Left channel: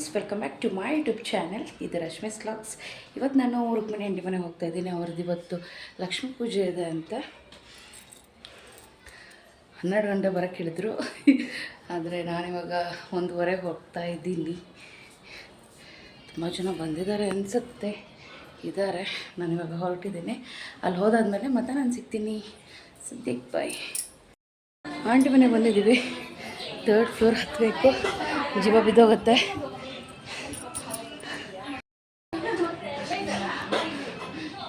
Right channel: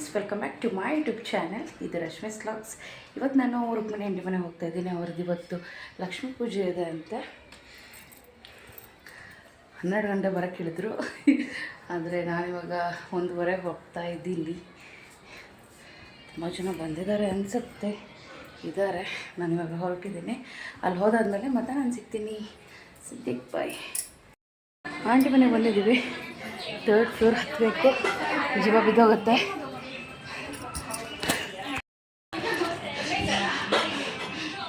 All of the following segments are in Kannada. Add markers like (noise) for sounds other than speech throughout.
Friends welcome back to my YouTube channel ಇದು ರಶ್ಮಿ ಸ್ಲಾಗ್ಸ್ ಇವತ್ತು ನಾನು ರುಕ್ಮಿಣಿ ಅಂಡಿ ಮನೆಗೆ ಹೋಗ್ತಾ ಇದ್ದೀನಿ. ಅವ್ರದ್ದು ಇವತ್ತು ಲಕ್ಷ್ಮೀ ಪೂಜೆ ಇದೆ ಅಂತ. ಹನ್ನೆರಡು ಗಂಟೆ ಬರೋಕ್ಕೆ ಹೇಳಿದ್ರು. ಆದರೆ ನಾನಿವಾಗ ಒಂದೂವರೆಗೆ ಹೋಗ್ತಾ ಇದ್ದೀನಿ. ತುಂಬ ಜನ ಬಂದಿದ್ದಾರೆ ಅನಿಸುತ್ತೆ. ಇದ್ದಾರೆ. ನಾನಿವಾಗ ಹೊರಟಿದ್ದೀನಿ. ಅಲ್ಲಿ ಹೋದಾದಮೇಲೆ ಮತ್ತೆ ನಾನು ಸಿಗ್ತೀನಿ. ಸದ್ಯಕ್ಕೆ ಬಾಯ್ ಆಂಟಿ ಮನೆಗೆ ಬಂದಿದ್ದೀವಿ. ತರ್ಡ್ ಫ್ಲೋರ್ ಹತ್ತಬೇಕು ಜೀವ ಬಿದ್ದೋಗುತ್ತೆ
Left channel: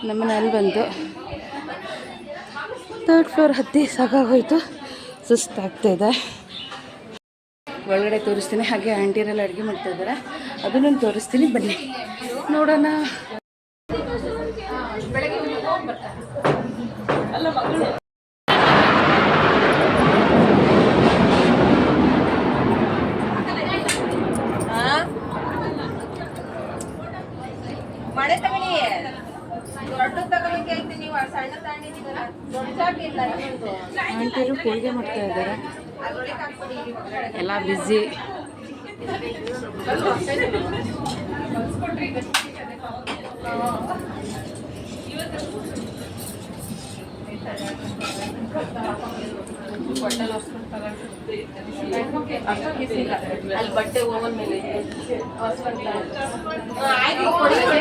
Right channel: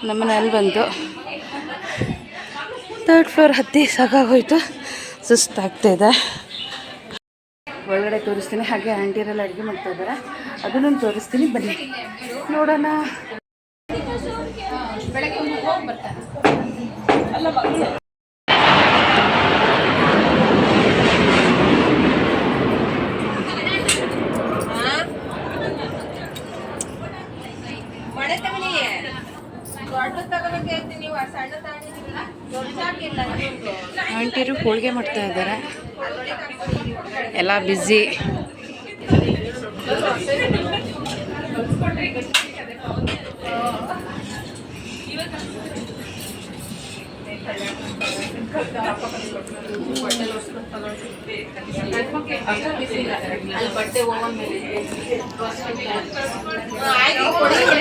ನಮ್ಮನೆ ಅಲ್ಲಿ ಬಂತು ತರ್ಡ್ ಫ್ಲೋರ್ ಹತ್ತಿ ಸಾಕಾಗೋಯ್ತು. ಸುಸ್ತಾಗ್ತಾಯಿದೆ ಒಳಗಡೆ ತೋರಿಸ್ತೀನಿ. ಹಾಗೆ ಆಂಟಿರೆಲ್ಲ ಅಡುಗೆ ಮಾಡ್ತಾ ಇದ್ದಾರೆ. ಅದನ್ನು ತೋರಿಸ್ತೀನಿ. ಬನ್ನಿ. ನೋಡೋಣ. ಮಳೆ ಹೋಳಿಗೆ ಮಾಡ್ತಾ ಇದ್ದಾರೆ. ಎಲ್ಲ ಬ್ಯುಸಿ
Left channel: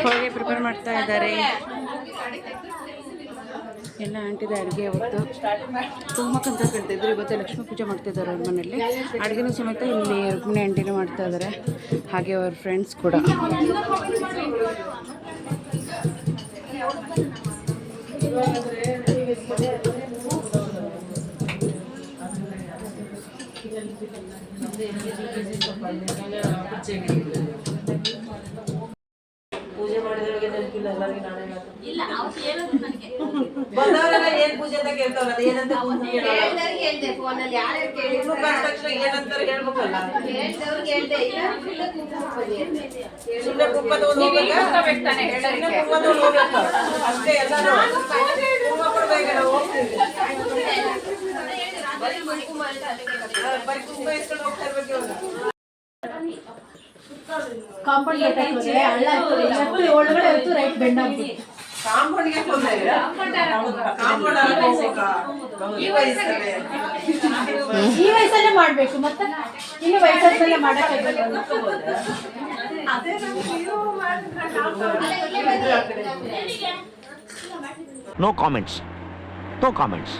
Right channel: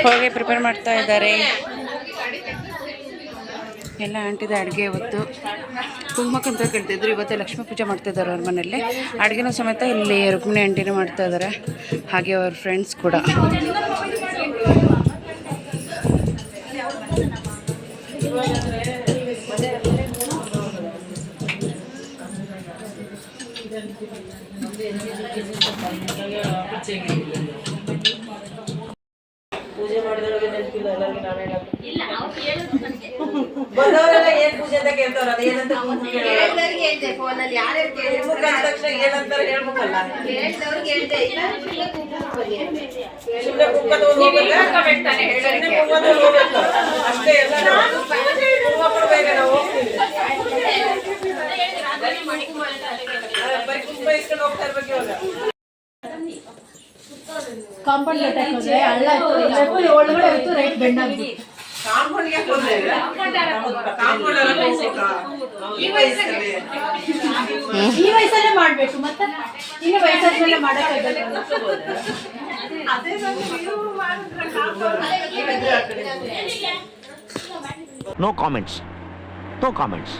ಹೋಳಿಗೆ ಪ್ರಿಪೇರ್ ಮಾಡ್ತಾ ಇದ್ದಾರೆ. ಎಲ್ಲ ಆಂಟಿದ ಅಡುಗೆ ಇವತ್ತು. ಕುಂಕುಮಕ್ಕಂತ ಕೇಳ್ತಿದ್ರು ಇವತ್ತು ಲಕ್ಷ್ಮೀ ಪೂಜೆ ಮಾಡ್ತಾ ಇದ್ದಾರೆ ಅವ್ರ ಮನೇಲಿ ಅಡುಗೆನೂ ಸಮೇತ ಇಲ್ಲಿ ರುಕ್ಮಿಣಿ ಆಂಟಿನೇ ಮಾಡ್ತಾ ಇದ್ದಾರೆ ಹಾಗೆ ಅವ್ರ ಫ್ರೆಂಡ್ಸ್ ಕೂಡ. ಬಂದವರೆಲ್ಲ ಏನ್ ಪೂಜೆ ಅಂತ ಕೇಳ್ತಾರ ಅದು ಏನಂತ ಕುಂಕುಮ ಕೇಳೋರು. ಹೇಳ್ದವ್ರಿಗೆ ಹೇಳ್ದೆ ಫೋನಲ್ಲಿ ಯಾರ್ಯಾರು ಕುಂಕುಮ ಅಂದ ತಕ್ಷಣ ಏನಂತಾರೆ ಹೇಳ್ಬೇಕಲ್ಲ? ಹೇಳ್ದವ್ರಿಗೆ ಹೇಳ್ದೆ ಇಲ್ಲ ಕುಂಕುಮ ಕುಂಕುಮ ಕುಂಕುಮ. ಅಷ್ಟೇ ಎಲ್ಲ ಕುಂಕುಮ ಕೊಡ್ಬೇಕ ನಾವು ಹೋಗ್ತೀವಿ. ಆ, ಬರೀ ಕುಂಕುಮ ಇಸ್ಕೊಂಡು ಹೋಗ್ತಾ ಇರ್ಬೇಕು ಇವಾಗ. ಕಾಂಪೌಂಡ್ಗೆ ಹೋದ್ರೆ ಕಾಂಪೌಂಡ್ ಅಲ್ಲಿ ಹೋಗ್ಬೇಕಾ? ಈ ವಯಸ್ಸಲ್ಲಿ ಈ ವಯಸ್ಸಲ್ಲೇ ಮಾಡ್ಬೇಕು ಮತ್ತೆ ಇನ್ನು ವಯಸ್ಸಾದ್ಮೇಲೆ ಮಾಡಕ್ಕೆ No comments. No comments.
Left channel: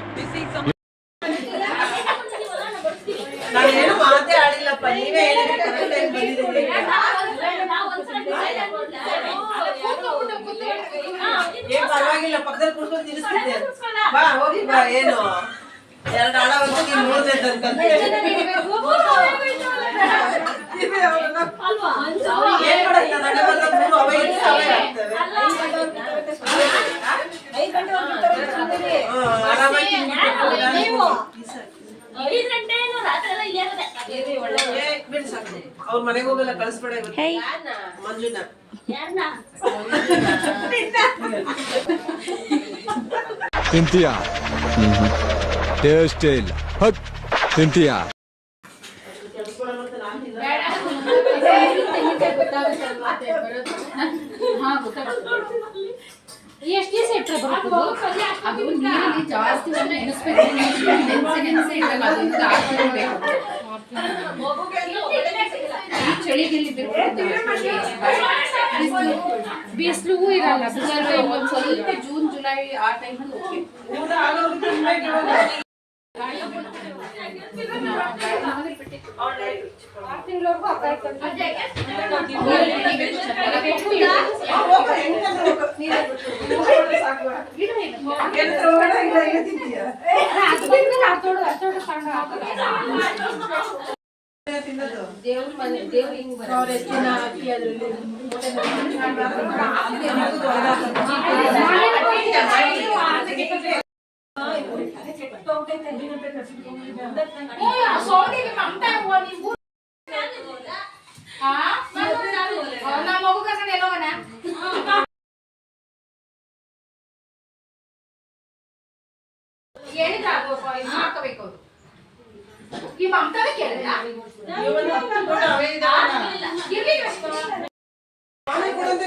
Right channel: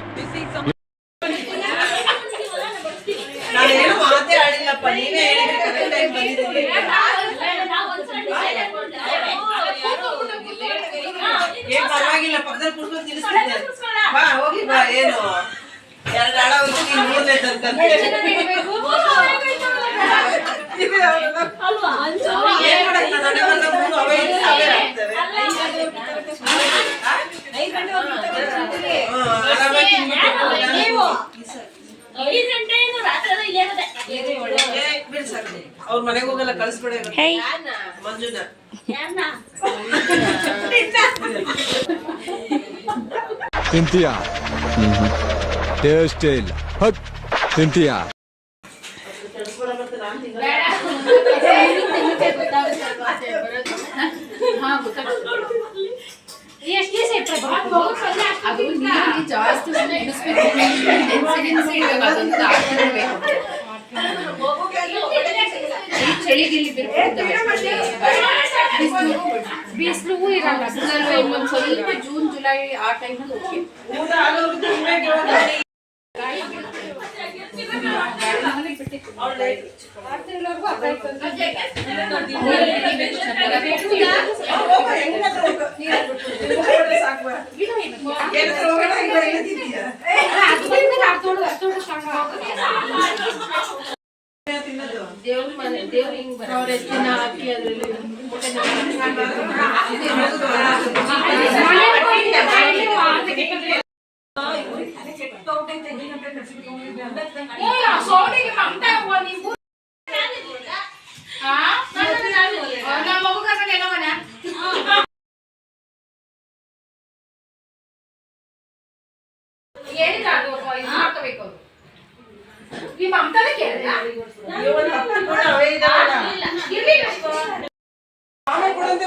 ಪಕ್ಕದಲ್ಲಿ ಕುಡ್ಕೊಂಡು ತಿನ್ನಿಸ್ತಿದ್ದೆ ಬಾ ಹೋಗಿ ಬಾ ಏನು ಎರಡು ಹಣ ಒಂದು ನೀನ್ ಮೂರನೇ ತಂತಂದೆ ಅವ್ರ ಮನೆಗೆ ಹೋಗಲ್ಲ ಕಳಿಸ್ಬೇಡ ಇವ್ರು. ಹೇ. ಮಂಜುನ. ತಿಂತೀಯಾ? ಟೇಸ್ಟ್ ಇಲ್ಲ. ಹಕ್ ತಿಂತೀಯಾ? ಎಷ್ಟು ದಿವಸ ಇಟ್ಟರೆ ಬರುತ್ತೆ ಅದು ಜಾಸ್ತಿ ಹೊತ್ತು ನೆನೆಸ್ಬೇಕು ನೆನೆಸಿ ನೆನೆಸಿ ಇಡಬೇಕು ಅದೊಂದು ಹಾಕೊಂಡಿರ್ಬೇಕು ಈ ಚಳಿಗಿಲ್ಲಿ ಬಿರ್ಕೊಳ್ತವೆ ಬಿಸಿಲು ಬಿಸಿಲು ಇರಲ್ಲ ಬಿಸಿಲು ಇನ್ನೊಂದು ಸ್ವಲ್ಪ ಜೂನ್ ಜುಲೈ ಆ ಟೈಮಲ್ಲಿ ಓಕೆ ದೇವ್ರ ಮನೆ ದೇವ್ರ ಹಿಂಗ್ ಬರ ಅವ್ರ ಎತ್ತಿನ ಹಾಕಿ ಅದರಲ್ಲಿ ಹೇಳಿದ್ರೆ ಆಗ್ಬೇಕು ಇದು ಮಾಡ್ಕೋಬೇಕು ಅವ್ರು ಈ ಮಮತಾನೇ ಕೇಳಿದ ಇವನ್ ಹತ್ತು ಕೂಡ ಅವೇ ಇದಾವಲ್ಲ. ಇರ್ಲಿ ಅವನೇ ಕೊಡಂತೆ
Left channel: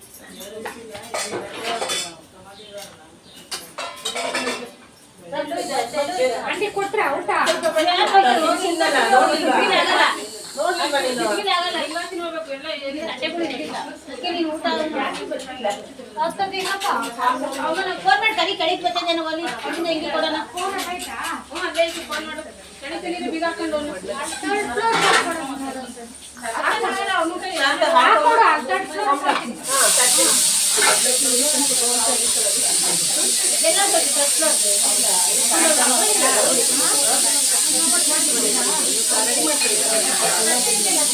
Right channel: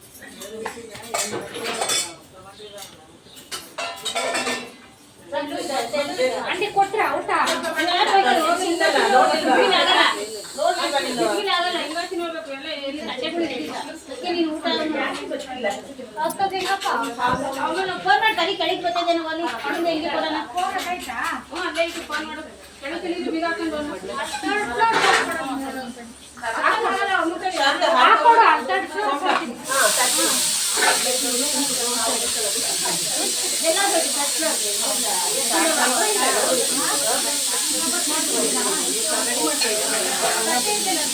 उसका देखा था और मैंने फ़ोन में कड़ी कड़ी बता देने वाली कौन जाएगी बोला ना फ़ोन में कड़ी था हाँ ले इसको फ़ोन में कड़ी चली रही बिना कौन दोनों ಹಾಕೋಡು ಅಡ್ಡಾಡ್ಸಿ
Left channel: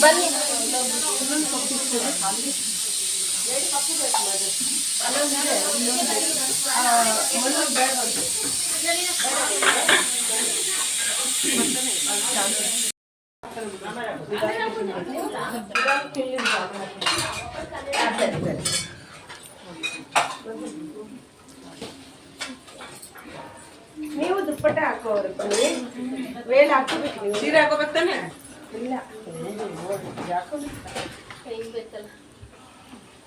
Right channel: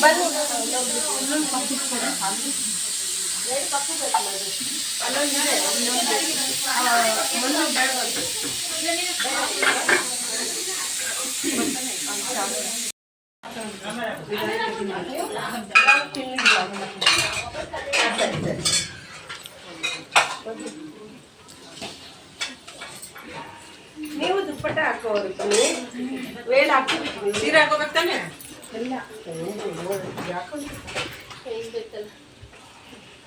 ಬನ್ನಿ ಶಾಂತ ಹಾಕು. ಹಾ, ಚಟ್ನಿ. ನೀವು ದುಪ್ಪಟ್ಟ ಹಾಕೋರು ಬನ್ನಿ ವೇಲ್ ಹಾಕೋಬೇಕು ನೀವು ಸೀರೆ ಹಾಕೋಬೇಕು ತಾನೆ ಇಲ್ಲ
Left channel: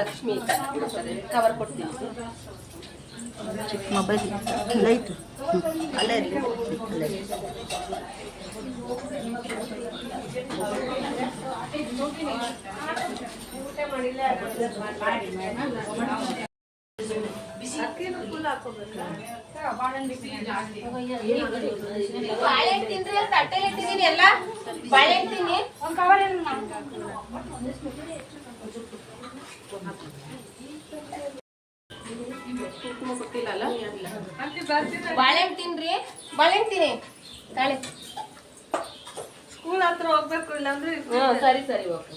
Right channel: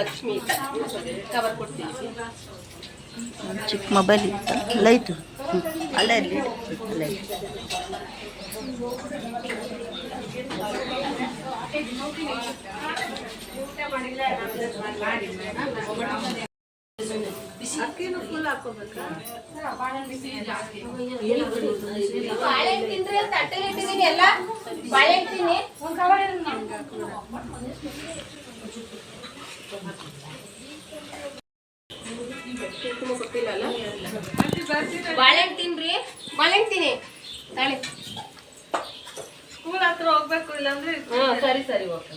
ಲಕ್ಷ್ಮಿ ಕವರ್ ಕೊಡ್ತೀವಿ. ಚಿಕ್ಕ ಮೊಬೈಲ್ ಇತ್ತು. ಲೈಟು ಅಲ್ಲೇ ಇರಲಿ. ಬಾಳೆಹಣ್ಣು ತಿಂದ್ರೆ ತಟ್ಟೆಲಿ ಇಟ್ಟಿದ್ದೀನಿ ಎಲ್ಲ. ಬಾಳೆಹಣ್ಣು ತಿನ್ನಿ ಬಾಳೆಹಣ್ಣು ತಿನ್ರಿ ಬಾಳೆಹಣ್ಣು ತಿನ್ನಿ ತಾಳಿ. ಸ್ಕೂಲ್ ಹತ್ರ ಹೋಗ್ಬೇಕು ಇಲ್ಲಾಂದ್ರೆ ಹ್ಞೂ ಸರಿ ಸರಿ ಓಕೆ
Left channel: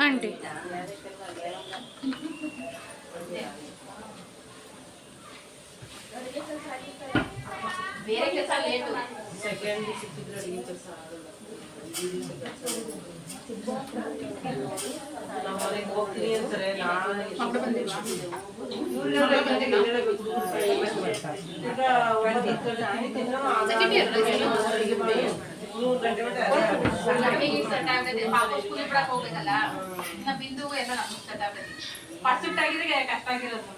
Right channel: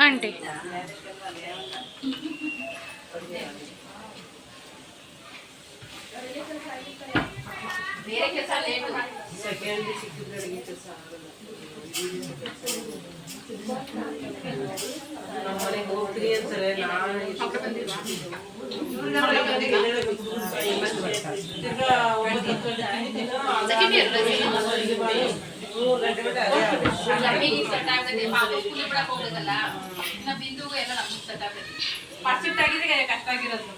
ಆಂಟಿ ಬೇರೆ ಕೆಲಸ ಲೇಟು ಸೆಕೆಂಡ್ ಸಿಕ್ಕಿದ್ರೆ ಅಡಿಗೆ ಕೆಲಸ ಆಗಲ್ಲ ನಮ್ಮ ಮನೆಗೆ ಹೋಗ್ತೀನಿ ಅಂತಾರೆ ಕಷ್ಟ ಆಗಿರೋದು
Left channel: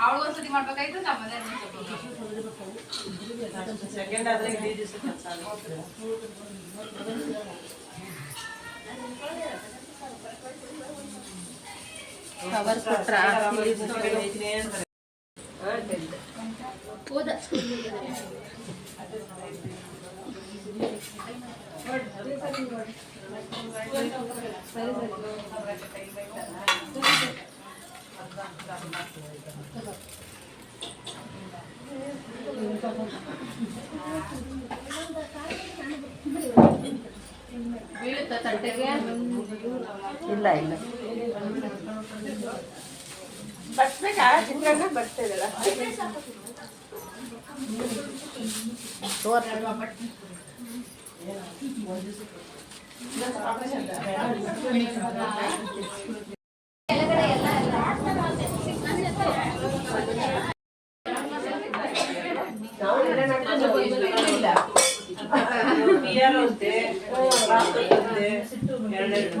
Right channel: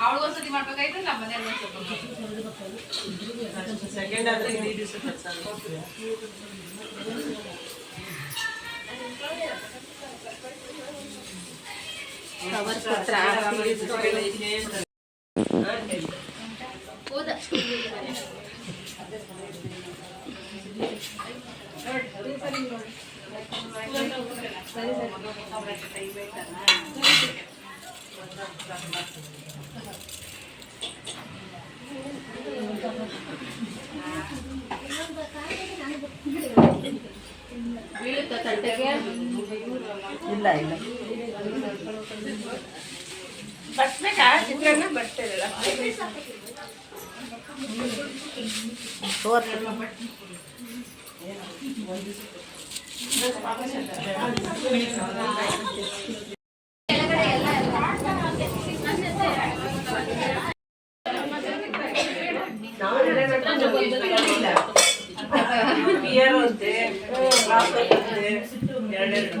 ಅವಳು ಒಂದ್ಸತಿ ಮಾಡ್ಬೇಕಾಯ್ತು ನಮ್ಮ ಮನೆಯಲ್ಲಿ ಸೆಕೆಂಡ್ ಆದ್ರೆ ಆಗುತ್ತೆ ಕವರ್ ಎರಡೆರಡು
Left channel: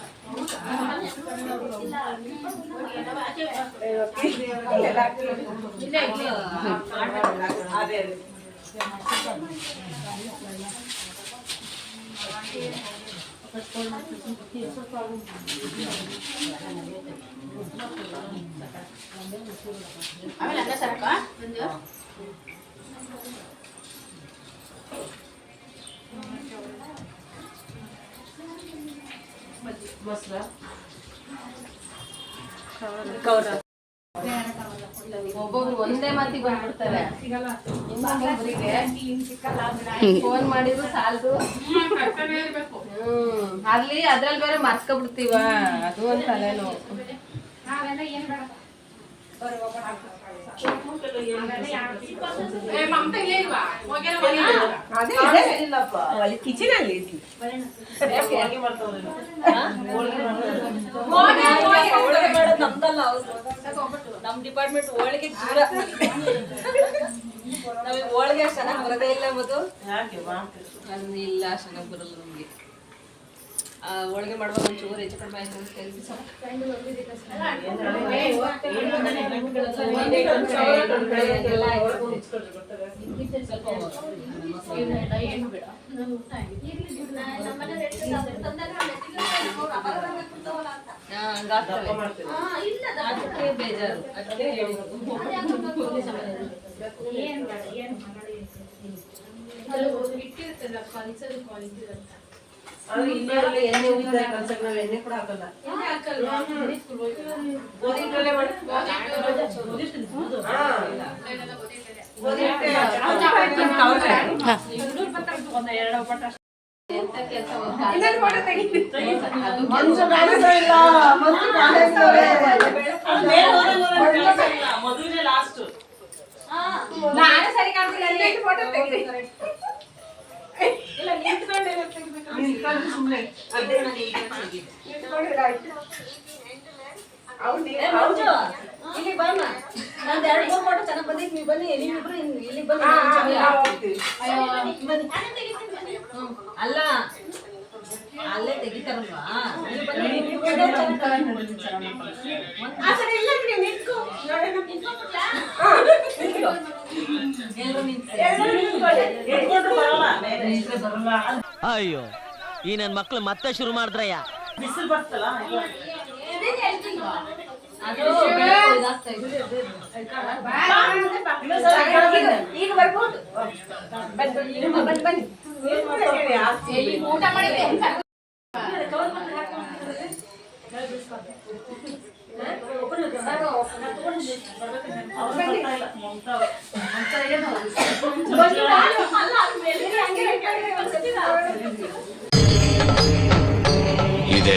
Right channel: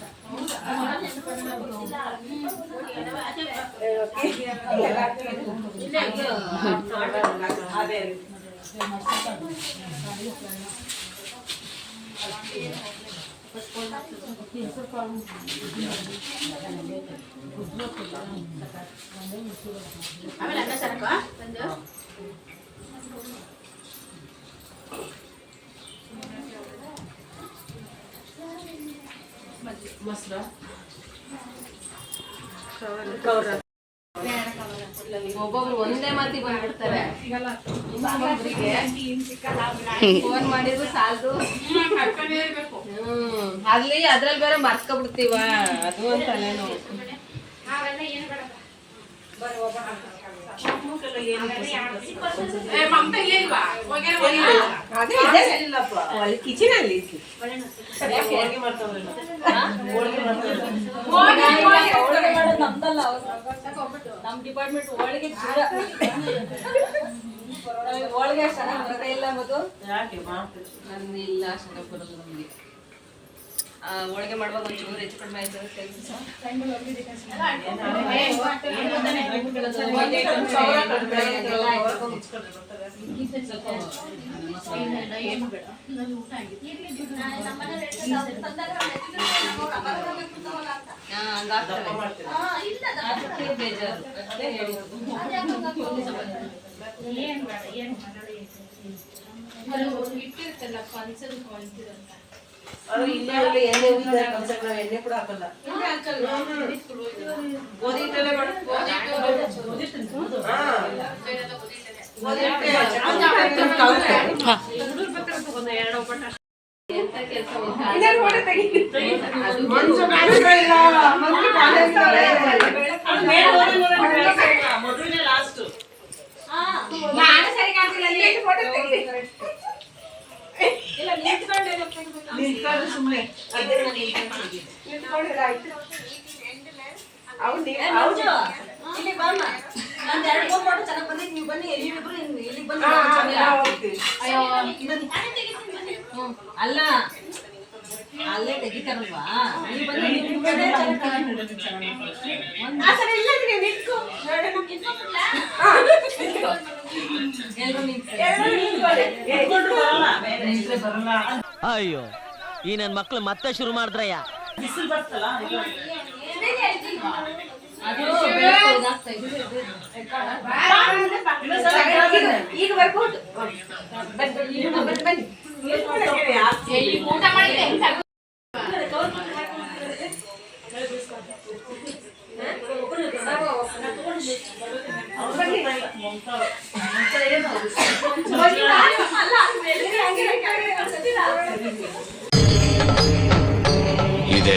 ಆಮೇಲೆ ಅನ್ನ ಸಾಕ ಸಂಜೆ ಒಬ್ಬೊಬ್ರು ಒಂದೇ ಮಾತಿಗೆ ಬಂದ್ಬಿಡ್ತಾರೆ. ಇನ್ನೊಬ್ಬೊಬ್ರಿಗೆ ಫೋನ್ ಮಾಡಿದ್ರು ಸಾಲದು. ಹ್ಮ್ ಅಲ್ಲಿ ಅದ್ರಲ್ಲಿ ಬೇರೆ ಮರ್ಸ್ಕೊಬಿಡ್ತೀವ. ಅದು ಅಂತ ಕಿಚನ್ ಅಲ್ಲಿ ಮಾಡ್ತಾವ್ರಲ್ಲ ನಮ್ ಡಿಪಾರ್ಟ್ಮೆಂಟ್ ಹೋಳಿಗೆ ದೂರ ನಮಗೆ ಹೋಳಿಗೆ ಚೆನ್ನಾಗಿ ಬರದೇ ಇಲ್ಲ ಮದು ಇಲ್ಲ ಅಷ್ಟು ಬರಲ್ಲ ನಮಗೆ. ಹೋಳಿಗೆ ಮಾಡುವಾಗ ಒಂಚೂರು ಹೆಚ್ಚು ಕಡಿಮೆ ಆಯ್ತು ಅಂತ ಬೇಜಾರು ಅದಕ್ಕೆ. ಇಟ್ಟಿರ್ತಲ್ಲಪ್ಪ ಅನ್ಸದು ಕ್ವಾಲಿಟಿ ಅಂತ ಎಣ್ಣೆ ಉಳಿದ ಕಲ್ಸಕ್ ನಾವು ಎಣ್ಣೆ ಕೂಡ ಹಾಕಲ್ಲ ಗೋಧಿ ಹಿಟ್ಟಲ್ಲೇ ಮಾಡು. ಹಾ. ಗೋಧಿ ಹಿಟ್ಟೆ ಎಂತ ಕೆಲಸ ಅದು ಮಂಜು ಕಾಣಿಸ್ತಾ ಇಲ್ಲ. ಮಂಜು ಕಾಣಿಸ್ತಾ ಇಲ್ಲ. ಅದು ಮೇಲೆ ಹೋದ್ರೆ ಹೋದ್ರೆ ಕಾಣಿಸ್ತಾ ಇಲ್ಲ. ಮದುವೆನೇ ಲಾಸ್ಟ್ ನಾನು ಸರಿ ಕಾಣ್ತಿಲ್ಲ ಅಲ್ಲಿ ಎಷ್ಟು ಫೋಟೋ ತೆಗಿಲಿ ನಾನು ಇಲ್ಲಿ ಬಾಮ್ಮ ನಂದು ಎರಡು ಫೋಟೋ ಚೆನ್ನಾಗಿ ಬಂದಿತ್ತು ನೀವು ಬನ್ನಿ ನೀವಿಬ್ರು ಇಲ್ಲಿ ಬಂದು ಬನ್ನಿ. ನಾನು ಅಲ್ಲ ಅಲ್ಲೇ ತೆಗಿತಾರಲ್ವಾ? ಅಯ್ಯೋ ಈ ನನ್ ಮಕ್ಳು ಮತ್ತೆ ಶುರು ಮಾಡಿದ್ರಯ್ಯ. ಬಿಸಿಲು ಬರ್ತಲ್ಲ ಅದು ಬೆಳಕು ಆಗ್ತಾ ಇದೆ ಈಗ ಬರ್ಬೋದು ಬನ್ನಿ ಬನ್ನಿ ಬನ್ನಿ ಊಟ ಮಾಡಿದ್ರೆ ಹೆಂಗ್ ಸಾಕು? ಇದೆ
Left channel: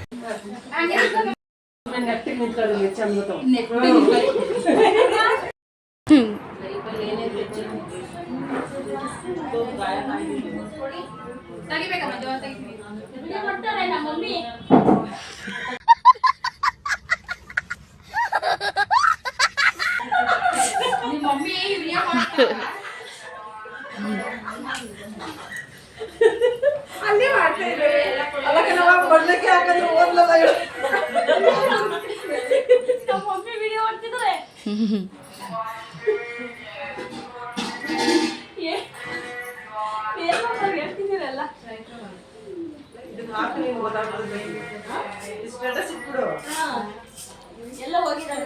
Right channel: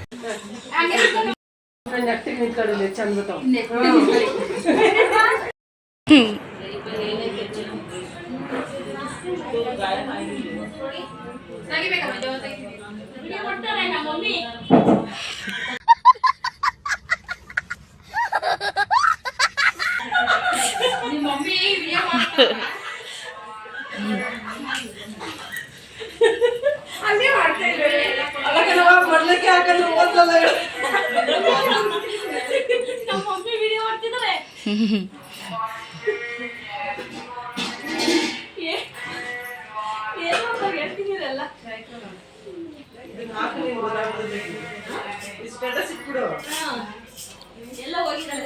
ಮೊದ್ಲಿಗೆ ಹಾಕಂದ್ರೆ ಓದ್ಲಲ್ಲ. ನಮ್ಮ ಮಮ್ಮಿ ವಿಡಿಯೋ ಮಾಡ್ತಿದ್ದಾರೆ ಏ- ಏನ್ ಮಾಡ್ತಾರೆ? ಹೇಳ್ತಿದ್ದೀರಲ್ಲ? ಸ್ಟೇಟಸ್ ಇಟ್ಬಿಡು. ಎಲ್ಲ ಹೋಗಿದ್ದಾರೆ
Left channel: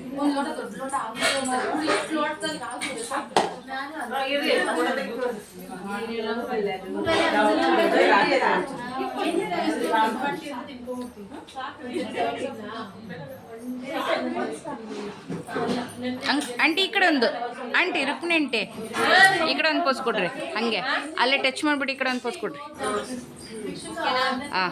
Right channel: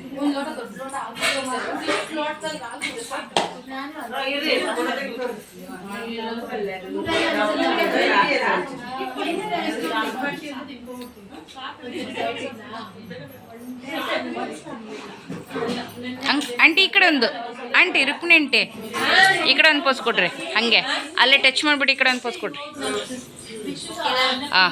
ಒಂದ್. ಆಂಟಿ ಈ ಕಡೆ ಒಂದು. Aunty, Rukmini aunty. ಈ ಕಡೆ ಒಂದು ಪೋಸ್ ಕೊಡ್ರಿ. ಹಾಗೆ. ಅಲ್ಲೇ ಟಚ್ ಮಾಡಿಬಿಟ್ಟು ಈ ಕಡೆ ಒಂದು ಪೋಸ್ ಕೊಡ್ರಿ. ಹಾಂ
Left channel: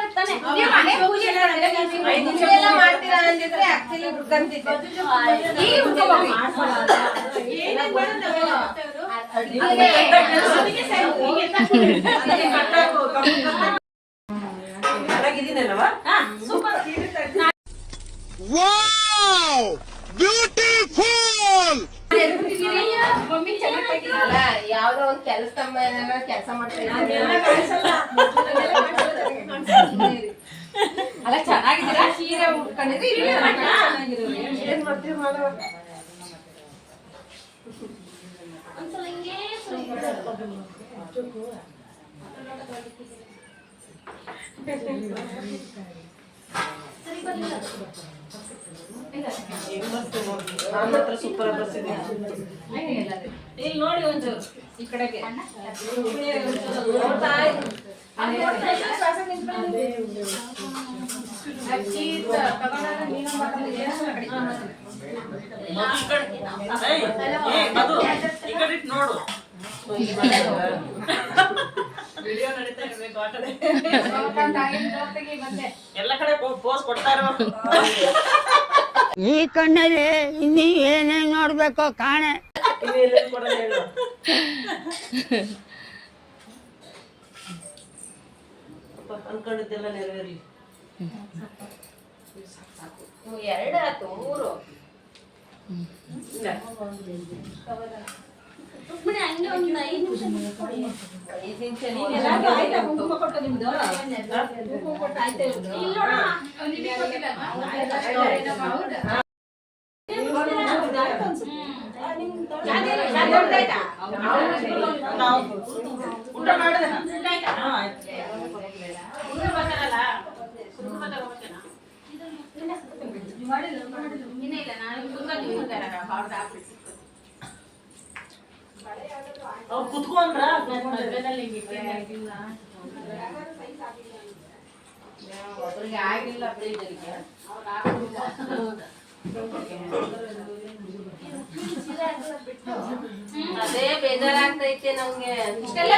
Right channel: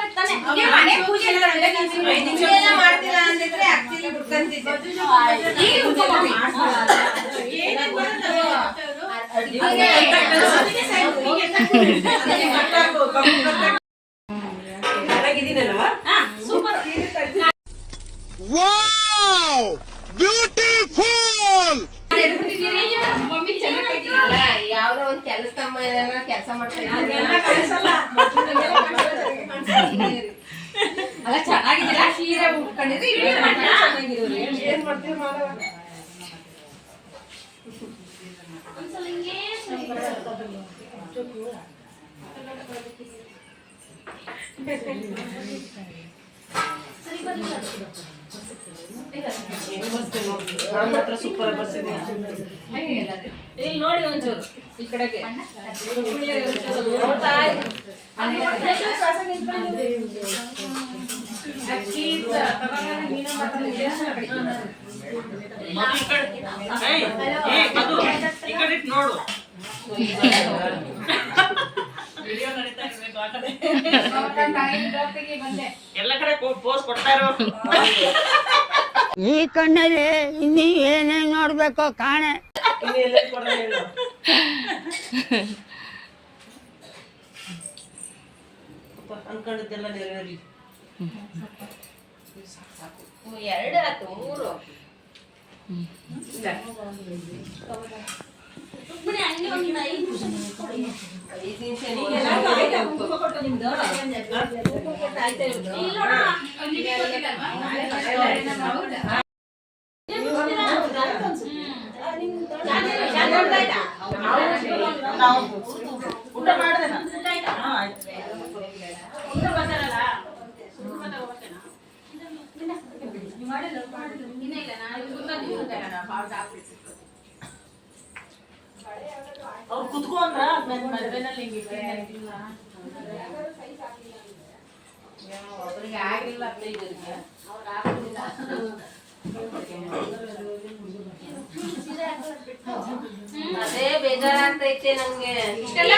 ಮಾಡ್ತೀರಾ? ಅಂದಿದ್ರೆ ಆಕ್ಚುಲಿ ಹುಡ್ಕಂತಿದ್ದೆ ಚೆನ್ನಾಗಿದ್ದೀನಲ್ಲವ್ವ? ಮಮ್ಮಿ. ಚೆನ್ನಾಗಿ ಒಂದ್ ಕೆಲಸ ಕೆಲಸ ಮಾಡ್ತೀನಿ. ಅಲ್ಲ ಚೆನ್ನಾಗಿದ್ದೀರಾ? ಸೀರೆ ಉಟ್ಕೊಂಡಿದ್ರೆ ಏನ್ ಮಾಡ್ತೀವಿ ಮಾಡುವ? ನೋಡು. ನಾನ್ ಮಾತ್ರ ಸೂಪರ್ ಆಗಿ ಬರ್ತೀನಿ. ಇಲ್ಲಿ ನೋಡಿ ಒಂಚೂರು ಈ ಕಡೆಗೆ ನೋಡ್ತಾ ಇರು. ಏಯ್, ಏಯ್, ಮಧು, ಈ ಕಡೆ ಇಟ್ಟು ನೋಡು ವಿಡಿಯೋ ನಡೀತಾ ಇರ್ಬೇಕು ಆ ಕಡೆ. ಎಲ್ಲ ಕಡೆ ಪೋಸ್ ಕೊಡ್ತಾ ಇರೋ ಈ ಕಣ್ಣಲ್ಲಿ ಇನ್ನಿ ಏನೇನ್ ನೋಡ್ಬೇಕು ಕಾಣೆ. ಅನ್ಕೊಂಡಿದ್ದೆಲ್ಲ ನೆರವೇರಿ. ಎರಡು ಆಯ್ತು ಮೂರು ಕೊಟ್ಟು ನಿಮ್ದು ಕುಂಕುಮ ಕೊಟ್ಟು ಆಯ್ತಾ ನಿಮ್ದು ಇಲ್ಲಿ ನೋಡಮ್ಮ ನಿಮಗೆ ಗೊತ್ತಿಲ್ಲಲ್ವಾ ಹೌದಾ ಊಟ ಮಾಡಿದೆ ಹಾ ಆಯ್ತು ಇನ್ನೇ ಇಲ್ಲ ನಾನು ತುಂಬಾ ನೀವು ಬಾರ್ಡ್ ಹಾಕ್ಬಿಟ್ಟು ಅವ್ರು ಕುತ್ಕೊಂಡ್ರ ಮದ್ವೆನಲ್ಲಿ ಹಿಂಗಿದ್ರೆ ಆಗಿಲ್ಲ ಒಬ್ಬರಿಗೆ ಆಗಿಲ್ಲ ಪ್ರೀತಿಗೆ ಅವ್ರು ಹಾಕೋದಿಲ್ಲ ಅದೇ ಬೇಜಾರಾಗ್ತೈತೆ ನಮ್ಗೆ. ಇಷ್ಟೆಲ್ಲ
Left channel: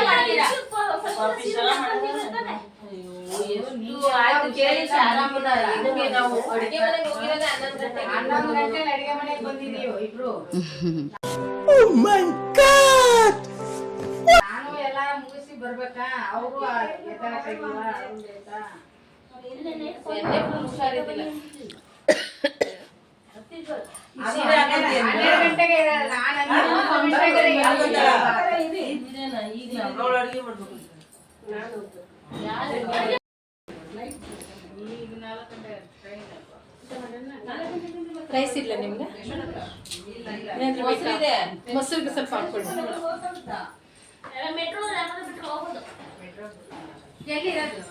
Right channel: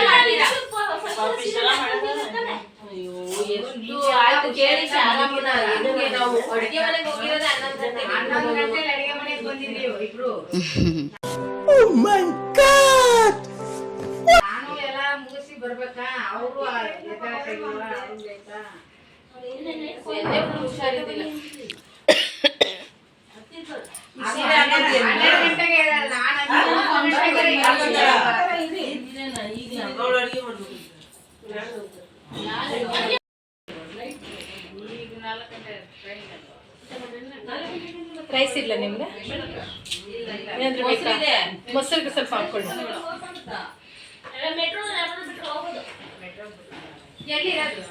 ನಾವು ಅಡಿಗೆ ಮನೆಗೆ ಹೋಗಿರೋದೇ ಹನ್ನೊಂದು ಗಂಟೆಲಿ ಅಡಿಗೆ ಮನೆಗೆ ಬಂದಿದ್ದೀವಿ ಇಬ್ರು. (laughs) ಬರ್ಬೇಕಾ ಅವರು ಎಣ್ಣೆ full ಹುಷಾರಿದ್ದಿಲ್ಲ ಹನ್ನೆರಡು ಗಂಟೆಗೆ ಇರಲ್ಲ. ನಾನು ಹನ್ನೆರಡು ಗಂಟೆಗೆ ಇರಲ್ಲ. ಅವಳು ಅಡಿಗೆ ಮಾಡ್ಬೇಕು ರೈಸ್ ಇಲ್ಲ ನಿಮ್ಗೆ ಮೊಸರಿದೆ ಮೊಸರಿಗೆ ಸ್ವಲ್ಪ ಹಾಕೊಳ್ಳಿ ಎಲ್ಲಿರೋದು ಈ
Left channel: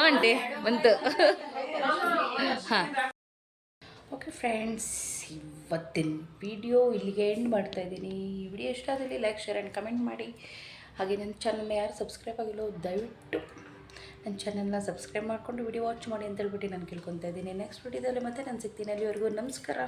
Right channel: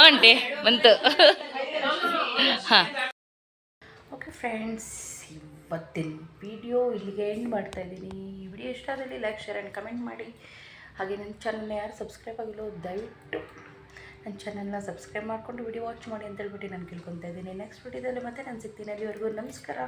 ಆಂಟಿ, ಬಂತು. ಹಾಂ. ಓಕೆ ಫ್ರೆಂಡ್ಸ್ ಇವತ್ತಿನ ವಿಡಿಯೋ ಇಲ್ಲಿಗೆ ಎಂಡ್ ಮಾಡ್ತಾ ಇದ್ದೀನಿ. ಈ ವಿಡಿಯೋ ಇಷ್ಟ ಆದಲ್ಲಿ ಲೈಕ್ ಶೇರ್ ಆ್ಯಂಡ್ ಕಮೆಂಟ್ ಮಾಡಿ. ಹಾಗೆ ನನ್ನ ಚಾನಲ್ನ ಯಾರು ಸಬ್ಸ್ಕ್ರೈಬ್ ಆಗಿಲ್ಲೋ, ದಯವಿಟ್ಟು ನನ್ನ ಚಾನಲ್ನ ಸಬ್ಸ್ಕ್ರೈಬ್ ಮಾಡಿಕೊಂಡು ವಿಡಿಯೋ ವಾಚ್ ಮಾಡಿ ಅಂತ ಹೇಳ್ಬಿಟ್ಟು ನಾನು ಕೇಳ್ಕೊತಾ ಇದ್ದೀನಿ. ನೆಕ್ಸ್ಟ್ ವಿಡಿಯೋದಲ್ಲಿ ಮತ್ತೆ ನಾನು ಸಿಗ್ತೀನಿ. ಅಲ್ಲಿವರೆಗೂ ನಮಸ್ಕಾರ.